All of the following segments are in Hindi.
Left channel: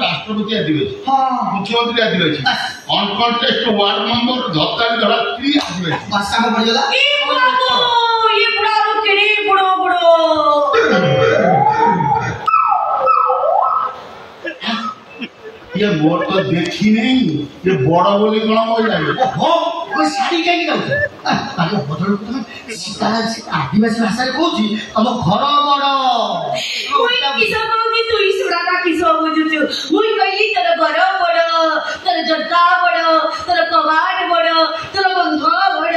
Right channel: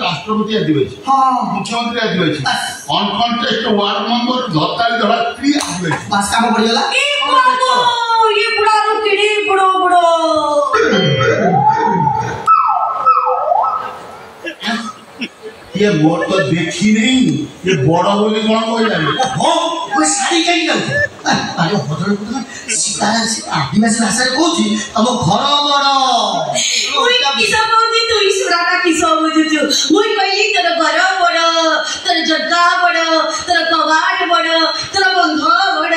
राष्ट्रपति आदिवासी मुख्यमंत्री आदिवासी अनकंटेस्ट वार्ड मेंबर धत्तारी धरा फ्री आदिवासी बस काम पड़ गला ये बुढ़ा रो केड़ी बुढ़ो ये मोर तो देखी नहीं ये बड़ा बोली कोन कोई लागे हो कोई साड़ी काई जाउ अरे बदल तुम सीता आदिवासी भाषा कहूची तम घर बड़ कोई किसा बोली तू सुराटा किसा बुझुछु मुई कइली तोर घर बड़ तोर जग्गा बड़ तोर कबाड़ बड़ तोर बंध बड़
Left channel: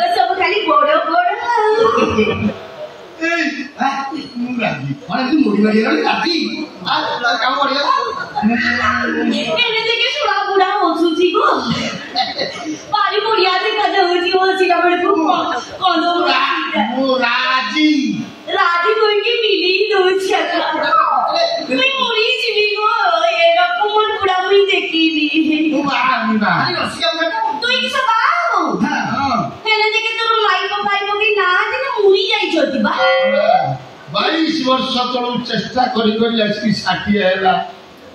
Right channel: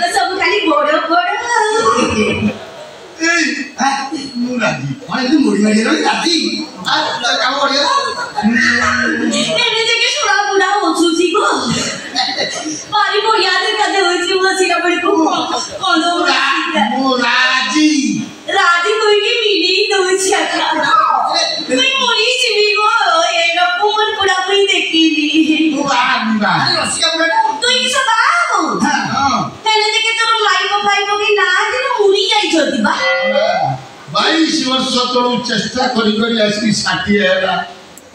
तो सब खाली बड़ ए नु राजी अरे तू मोड़ी मारी राजी आ काम पड़ गला एने देखे सुरा बुढ़ा होछुची को पारी मोड़िया दे कदे होची हो सिरा बड़ को कोन मु राजी कोई की मिली दोछिया कोई मोड़ी छिबी गो ए रपुमन बुढ़ा मुई देखिली अरे रसिया बुढ़ा तू की सबाओ हां एने देखे तोर माई पापाई को की ना दिन मुड़ी जाई छथि बा 22 वर्ष तळु चेष्टा करी करी आसी 60 हैला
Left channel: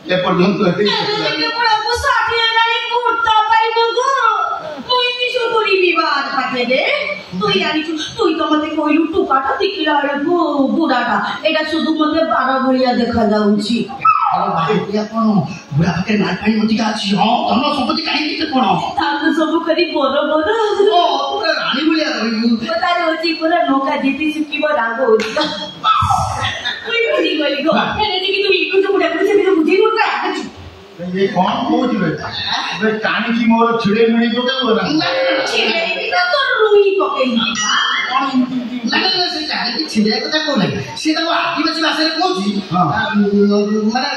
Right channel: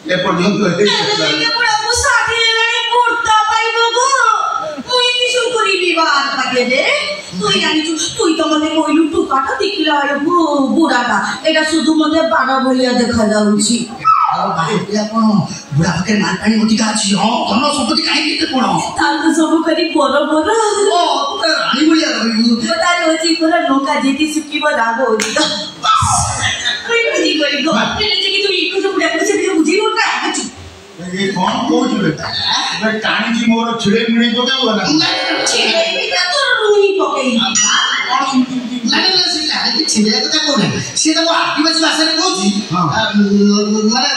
ए पर्यंत हे देखे बुढ़ा को 60 हैलानी कुर्ता पाइबो गो मुई की सुकुरी विवाद पाके दे তুই আনিছু তুই তো মতে কইলু টুকাটা দেখিলা আরবো বুড়াটা এটা শুধু মতে বাড়া ভরিয়া দেখা যাউছি আরে ভাই ইয়া কোন বুড়া পাকে মার পানি মতি আছে হ্যাঁ ধন সম্পত্তি কাই দিতে কোন তার তো সব করি বড় বড় ও তোরা রানী বলিয়া রইলু তার হচ্ছে পুরা নৌকা যেতে সুকিব রাগ হইতো তুই বুঝি করি গো এনে যে কি তুই ইকু যে বুড়া করে সেটা বুঝি গো না আছু ये कौन कोच बेटा बे टाणी जी मोर छिड़े मिणे को के बोला ছেলে এটা তো রুই পকেই না সেই লাগে কি ছেলে কথা কোন সেটা তো আদিবাসী ভাষাରେ কହୁଛି মানে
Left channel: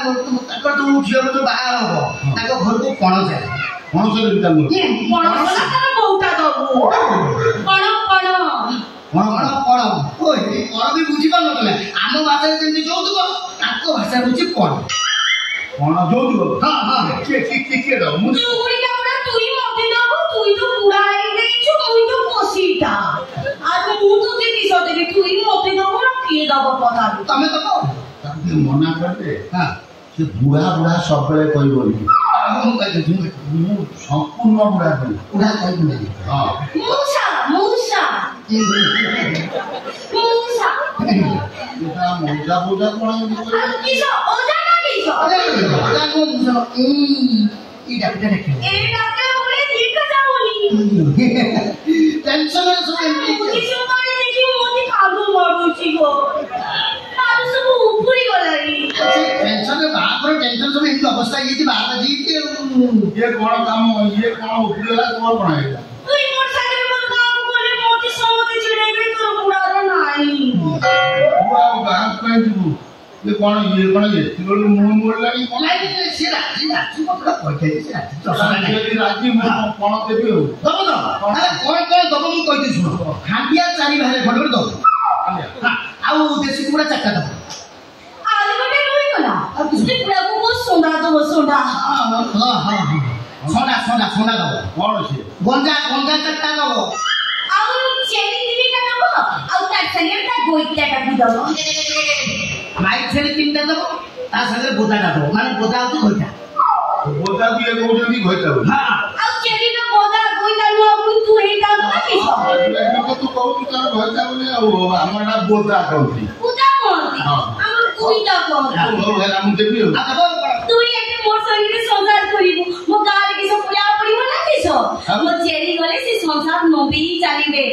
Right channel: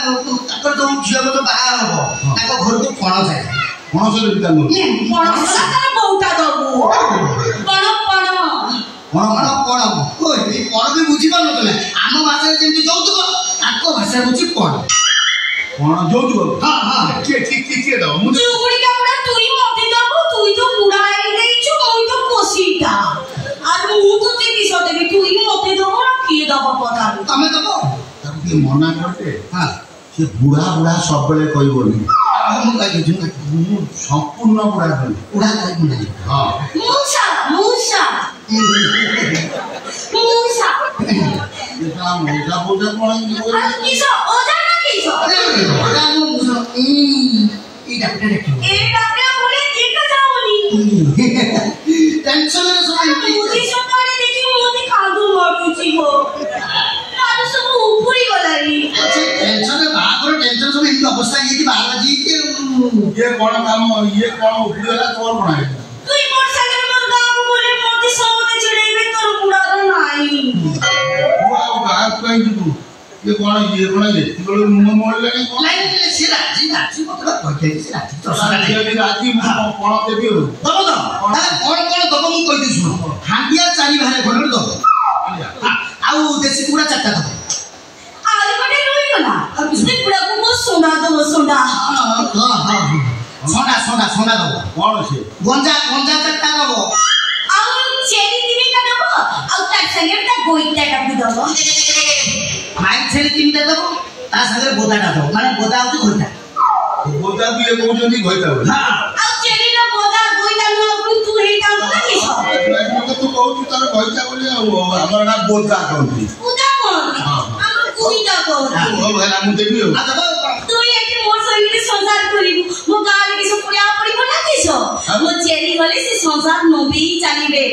তাকর তো ঝিଅ তো বাହା হবো তাকো ঘরକୁ ପଣ যায় कौन से बिता नो পণ তার বউটা দবু পণ পণ পণ পণ ওই এই পণ ବି ବୁଝି ପାରୁନ ତମେ ଆମ ଭାଷାରେ ଯେମିତି ଯୌତୁକ ତାଙ୍କ ଭାଷାରେ ହଉଛି ପଣ कौन जो जो हां हां के दो मुझे চুড়ি কাপড়া তুই মতে দবু তুই তো পুরাই দেইছু মুই তো কোসিটা আর মু তো তে কিস দেবি তুই মতে দবু না কি দব কথা ତମେ ତ କହ ताके मना करते हां से बुढ़ा बुढ़ा सब बेले कहि बोली ମୁଁ କହିଦଉଛି मु संपूर्ण बुढ़ा कहि ଉଡ଼ା କହିବୁ ନାହିଁ हां মুসা এটা মজা বুঝা কোন আর কিস ওজা না কিস এটা ମୁଁ ବୁଝ এই ডাক্তার ডাক্তার এই ডাক্তার বলে দেখে যাওনি টেনশনের সময় বুঝি সকালে দেখি মোদি কাদু মারুছি গো ଇଏ କ'ଣ କାମ ଇଏ କ'ଣ ଉଠିଗଲା ତୋର କ'ଣ ହେଇଗଲା তুই মোর সাথে মোর গাঁকু বলে মতে সমতে ছিড়াইবে তোর বুড়ার নাই ତୁ ଆଉ ଗାଁକୁ କାହିଁ ଯିବୁ ଇଏ କ'ଣ ଏତିକି ବେଳୁ ମୁହଁ ମୋଡ଼ିଲାଣି କ'ଣ ନାଇଁ ସେ ରାଜି ମତେ କହିଦେଇଛି ସେ ରାଜି ଚଷାଟା ନାହିଁ ଯଦି ରାଜି ମୁଁ କ'ଣ ଦେବି ଆଉ ଦବ ତ ତାହେଲେ କ'ଣ ଦବ ମୁଁ କହିଦେବି ଶୁଣ ହାଣ୍ଡିଆ 4 ଭାରେ ଖଣ୍ଡେ ଦବ ଆଉ ଦେଶୀ କୁକୁଡ଼ା 4ଟା ଦବ আর গোটে রইগলা আর কিছু বুড়াকু মো সোনা দব সোনা সোনা দব କ'ଣ ସେ গঞ্জা 4টা দব আর চেনি দিবিটা দব আর তার সঙ্গে তা গইটাটা বুদব মাইক ছেড়ে 3টা দব তা সাথে গোদাটা দব মানে গোদা হচ্ছে ঘইটা ବୋଦାକୁ ଇଏ କହୁଛନ୍ତି ଘଇତା ବୋଲି আর চেনি না বোদা গইটা নো আপনি তুই এইটা না কিছ ତୁ କହୁଛୁ ତାର ଘଇତା ବୋଲି ଆଉ ଆମର ନା ବୋଦା କହନ୍ତି বুদা কোন আমরা কইটা কোন ହଉ ହେଲା ମୁଁ ଦେବି ଆଉ দব তুই এটি মোর সঙ্গে সংসার করিবু মো গালে কিছু পুড়া পড়িব না কিছ মো চেনি গলে সে সংসার নবি চালিবে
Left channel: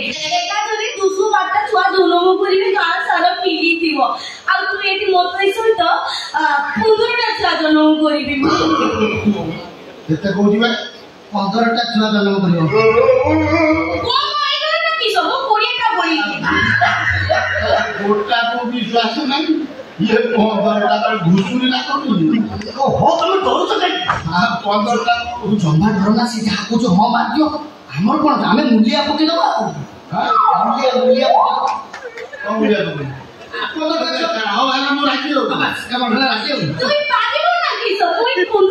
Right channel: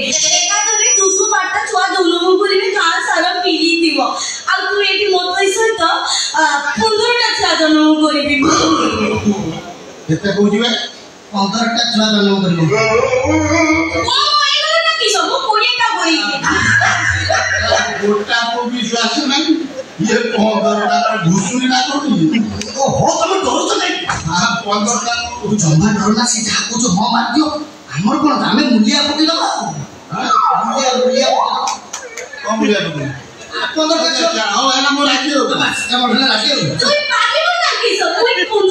একা ধরে 200 বারটা ছুয়া জনম করিবে গাঁ সারা পিলি দিব আর তুই এটি মতই সহিত 15টা ছুয়া জনম করিবি କେତେ କହୁଛି ଭାଇ 15টা ଛୁଆ ଜନ୍ମ କରିବ মো এগুলো না কিছ মো 20টা করিবি ଗୋଟାକୁ ବିଶ୍ୱାସ ନାହିଁ ଇଏ 15 ଟଙ୍କାର ଘୁଷୁରି ନା କରୁନି ଓହୋ ତମେ ଡରୁଛ କାଇଁ 15 ଟଙ୍କା ତୁ ଜମା ଡର ନା ସେ ଯାହା କହୁଛ ହଁ ମାରିଦିଅ ଆମର କ'ଣ ଆମେ ମୂଲିଆ ପକେଇଦବା ମୂଲିଆ କ'ଣ ବୁଲିବା ତୁ 15ଟା ଛୁଆ ହଉ ହେଲା ମୁଁ ରାଜି ଆଉ ରାଜି ଆଉ তুই পারিব না কিছ তুই 15